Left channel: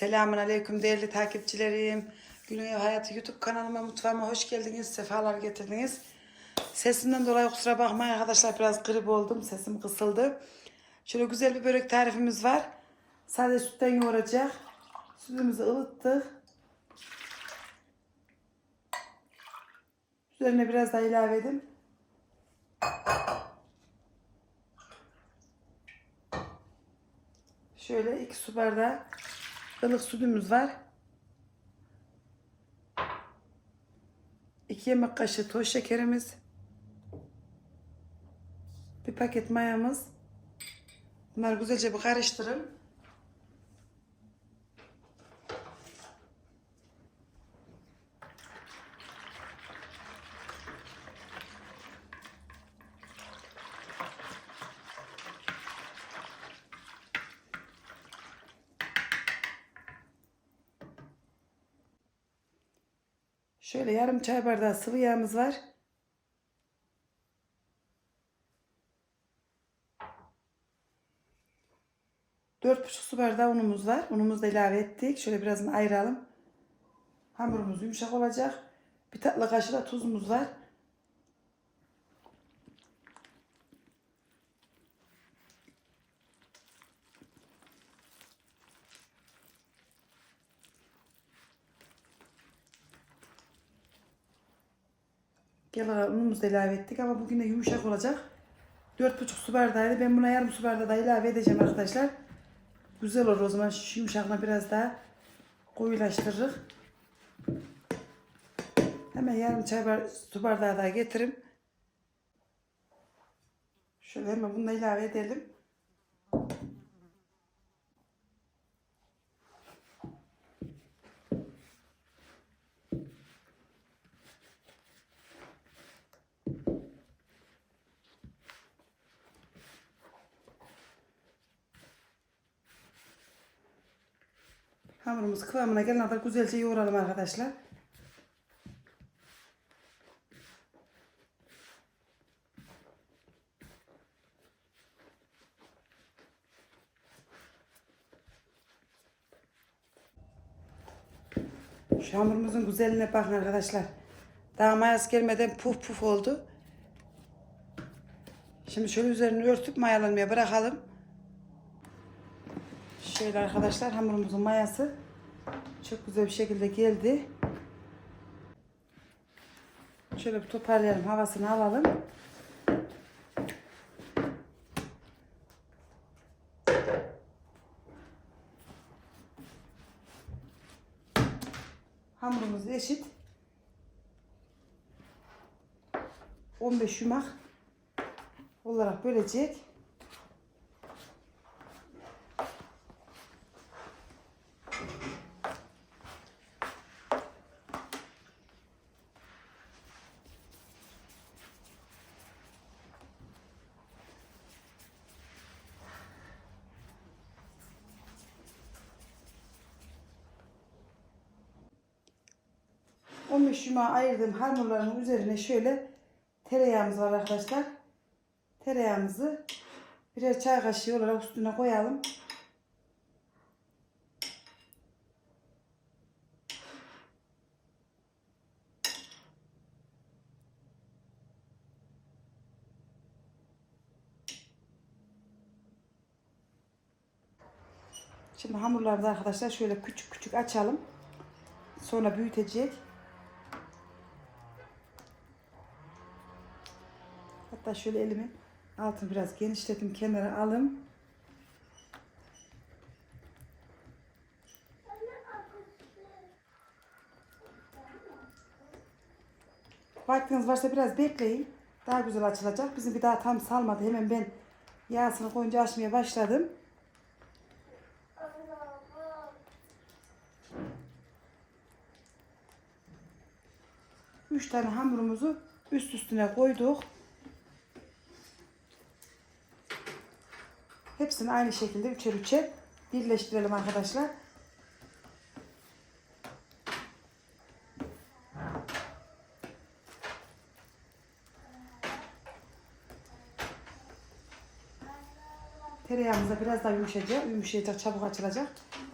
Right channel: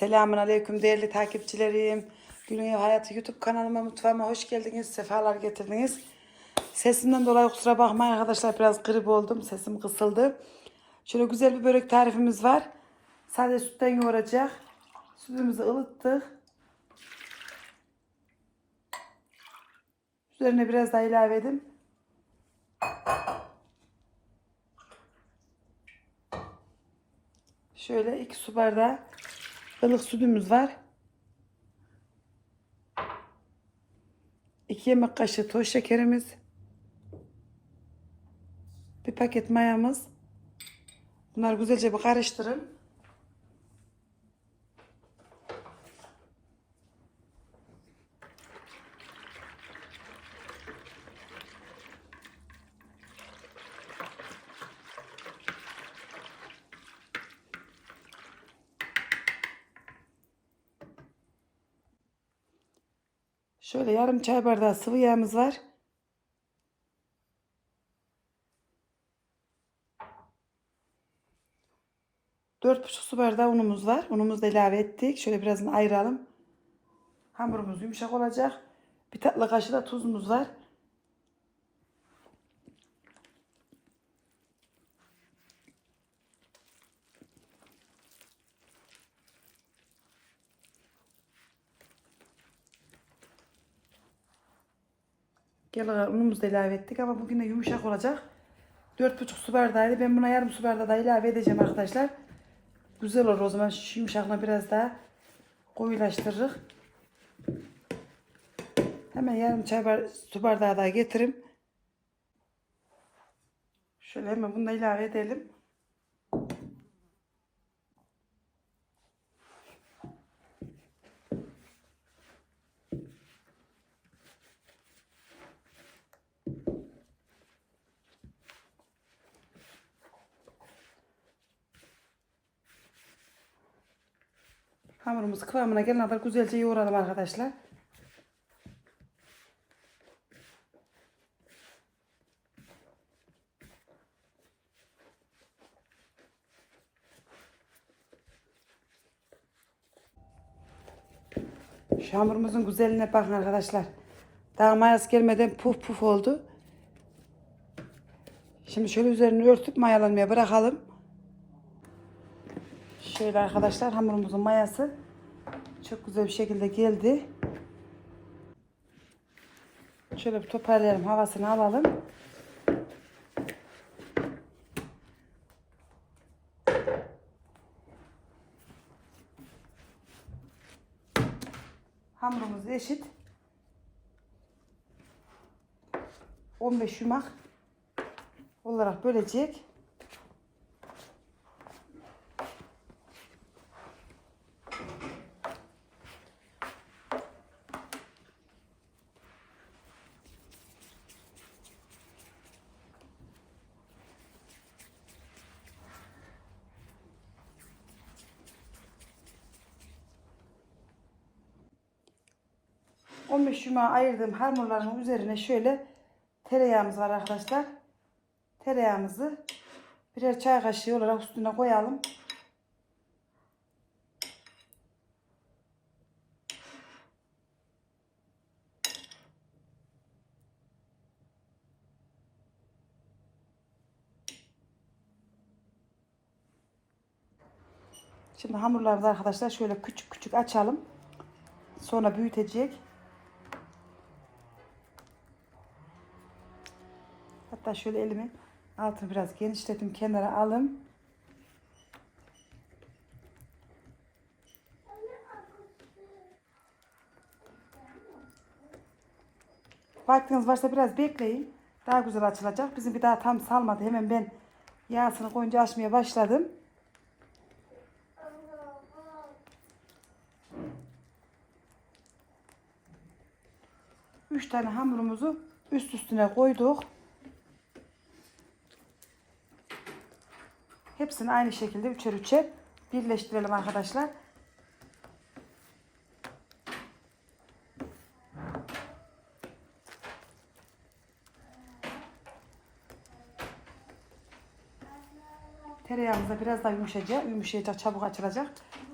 Selamun Aleyküm değerli takipçilerim. Güney Hayatı YouTube kanalıma mutfağıma hoş geldiniz. Sefalar getirdiniz. Sesimden dolayı kusura bakmayın arkadaşlar biraz grip oldum. Sesim kısıldı. Şöyle güzel bir börek tarifimiz var. Sade sütten yoğuracak. Sütümüzü ılıttık. Üzerine biraz daha ilave edin. Şöyle iki su bardağı ılık sütümüz var. 2 yemek kaşığı toz şekerimiz. Bir paket mayamız. Bunları güzelce bir karıştırın. Şöyle yarım çay bardağı sıvı yağımız var. Dört buçuk su bardağı unumuz var. Unumuzu da ilave ettik. Şöyle birazını ayıralım. Hamurumuz yumuşak olacak. Bir tatlı kaşığı da tuzumuz var. Gel unumuzu da ilave ettik ama bugün de yumuşak olacak. Dört buçuk su bardağıydı. Ben buna yarım su bardağı da ilave edeceğim arkadaşlar. Güzel olur o zaman şu yumuşaklığını biraz daha koyulaştırırız. Hemen yarım çay bar su bardağı daha getirim. Şöyle hemen bunu da ilave edelim. Hamurumuz kıvamına gelene kadar güzelce yoğuralım arkadaşlar. Şu hamurumuzun güzelliğine bakın arkadaşlar. Daha mayası gelmeden puf puf oldu. Şimdi şöyle üzerini örtüp mayalanmaya bırakalım. Şöyle arkadaşlar hamurumuzun mayası çok güzel bir şekilde geldi. Şöyle bir toparlayalım havasını alalım. Hamurumuz eşit. 15 yumak olarak bölecek. Beş yumağı ayırdığım hamurların üzerine şöyle tereyağımız var arkadaşlar. Tereyağımızı birer çay kaşığı olarak üstüne koyalım. Şimdi hamurları da arkadaşlar şöyle küçük küçük açalım. Sonra büyütecek. Hatta şöyle elimi altını biraz genişletim kenara alım. Vaktiniz varsa biraz bekleyin. Daha güzel açılacak. Bizim bir daha tam salmadı. Hemen ben yağsını koyunca açmaya başladım. Üç tane hamurumuzu üst üstüne koyduk. Hepsini aynı şekilde üçer üçer birleştirelim arkadaşlar. Tereyağımız da biraz daha yumuşayacak. Yumuşayacak, çabuk açılacak.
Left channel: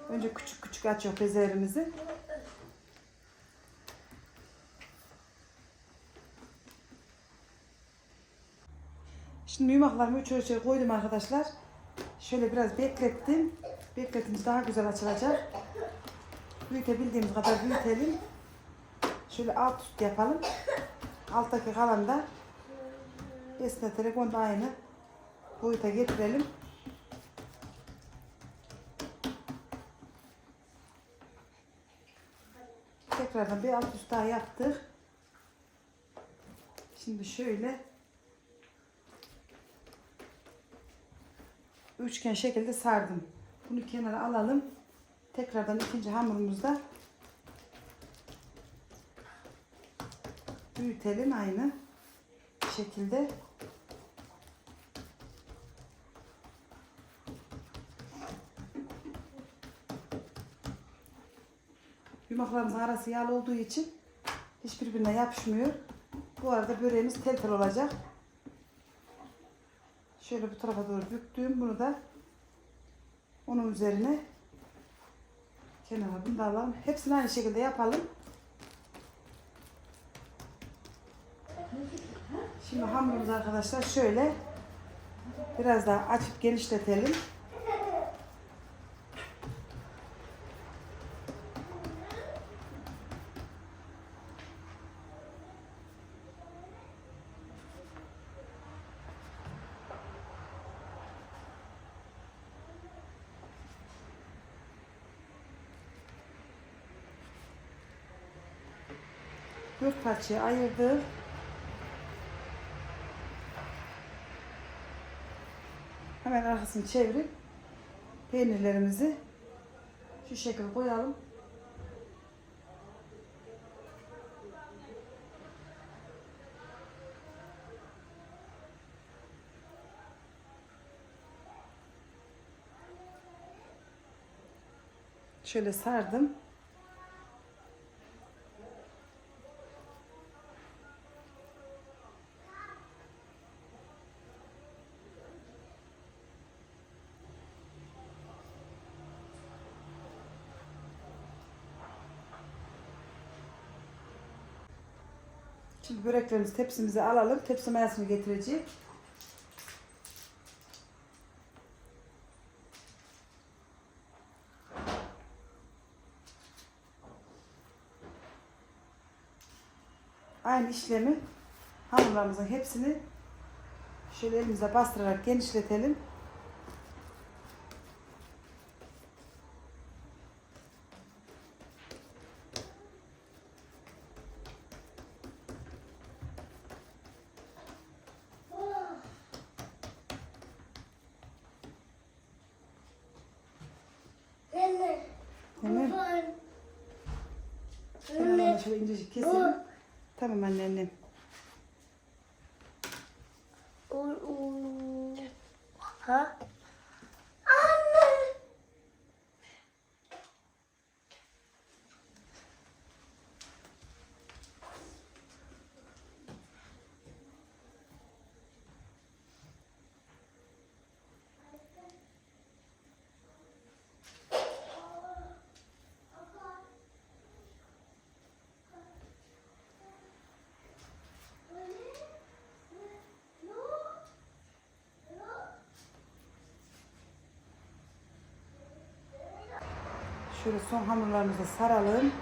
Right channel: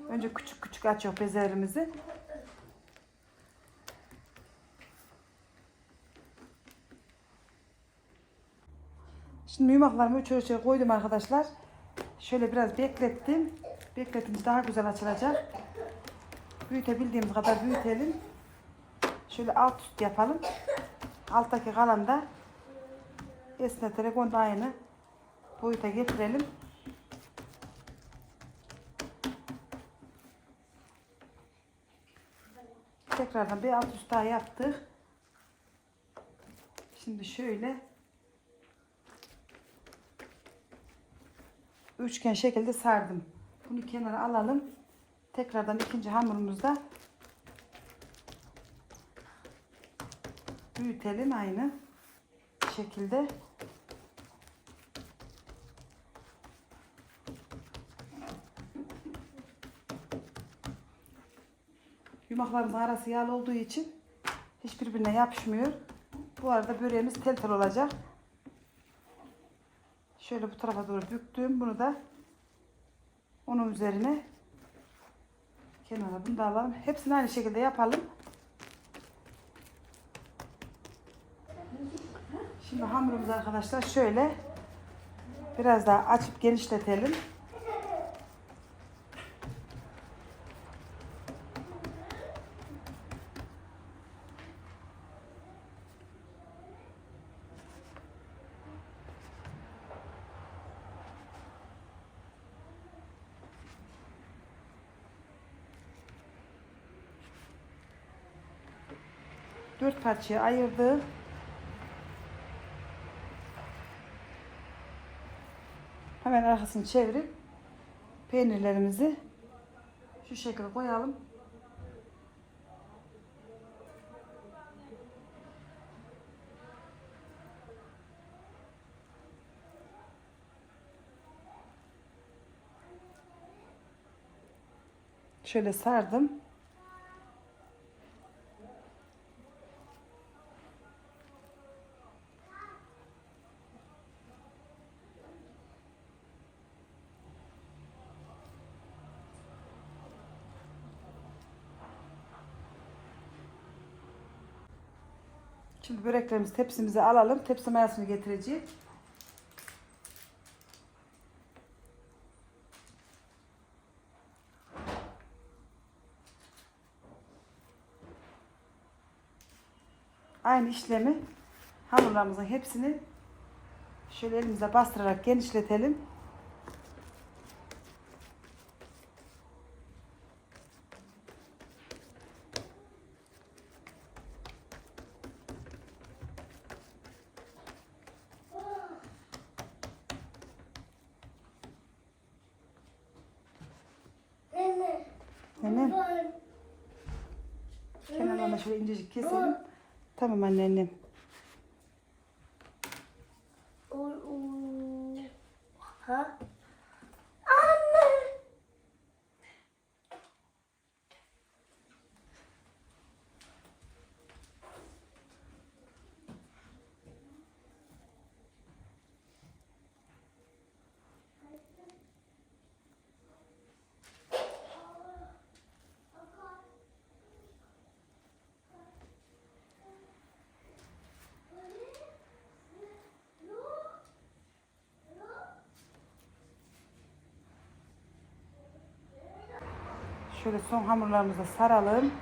Önce küçük küçük açıyor bezelerimizi. Şimdi yumaklarımı üç ölçüye koydum arkadaşlar. Şöyle biraz beklettim. Bekletince daha güzel açılacak. Büyütebildiğimiz kadar büyütelim. Şöyle alt üst yapalım. Alttaki kalan da esneterek onu da aynı boyuta getirelim. Tekrardan bir alt üst daha yaptık. Şimdi şöyle üçgen şekilde sardım. Bunu kenara alalım. Tekrardan ikinci hamurumuzda büyütelim aynı şekilde. Yumaklarımızın arası yağlı olduğu için hiçbirbirine yapışmıyor. Bu arada böreğimiz tel tel olacak. Şöyle bu tarafa doğru büktüm. Bunu da onun üzerine kenara bunu da alalım. Hepsini aynı şekilde yapalım. Şimdi hamurumuzu arkadaşlar şöyle biraz daha açıp genişletelim. Dört parçaya ayırdık. Hemen arkasını çevirip peynirlerimizi şu şekilde koyalım. Şöyle sardım. Şimdi böreklerimizi tepsimize alalım. Tepsi mayasını getireceğiz. Aynı işlemi hamurlarımızın hepsini şöyle elimizle bastırarak genişletelim. Hemen kenarlarını şöyle incecik keselim. Tamam anneannem. Şöyle son hamurlarımızı saralım.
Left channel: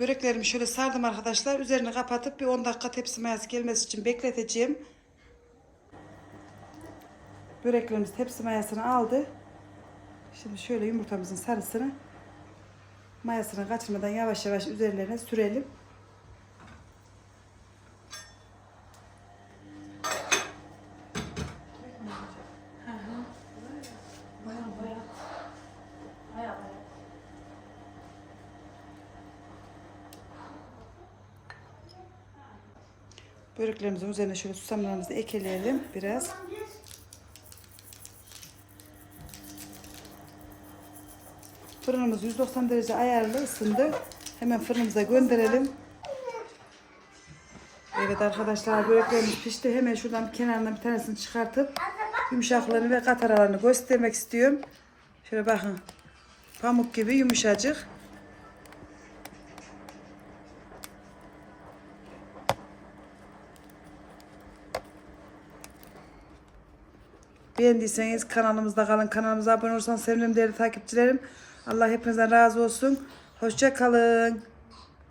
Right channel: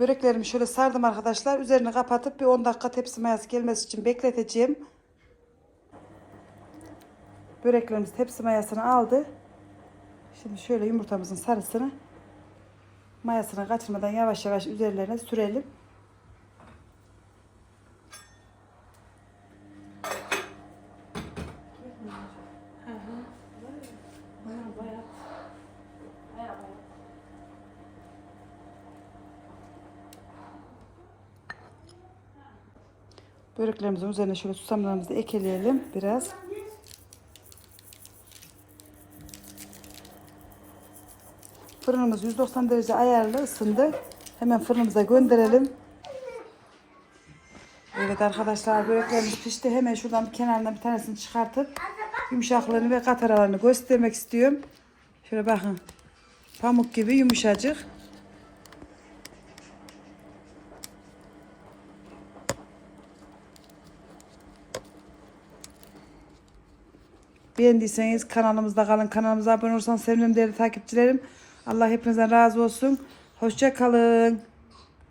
Böreklerimi şöyle sardım arkadaşlar. Üzerini kapatıp bir 10 dakika tepsi mayası gelmesi için bekleteceğim. Böreklerimiz tepsi mayasını aldı. Şimdi şöyle yumurtamızın sarısını mayasını kaçırmadan yavaş yavaş üzerlerine sürelim. Böreklerimizin üzerine şöyle susamlarımızı ekleyelim biraz. Fırınımız 190 derece ayarlı ısındı. Hemen fırınımıza gönderelim. Evet arkadaşlar böreklerimiz pişti. Hemen şuradan kenarından bir tanesini çıkartıp yumuşaklığını ve kat aralarını göstermek istiyorum. Şöyle bakın. Pamuk gibi yumuşacık. Beğendiyseniz kanalımızda kalın. Kanalımıza abone olursanız sevinirim değerli takipçilerim. Allah hepinizden razı olsun. Hoşça kalın.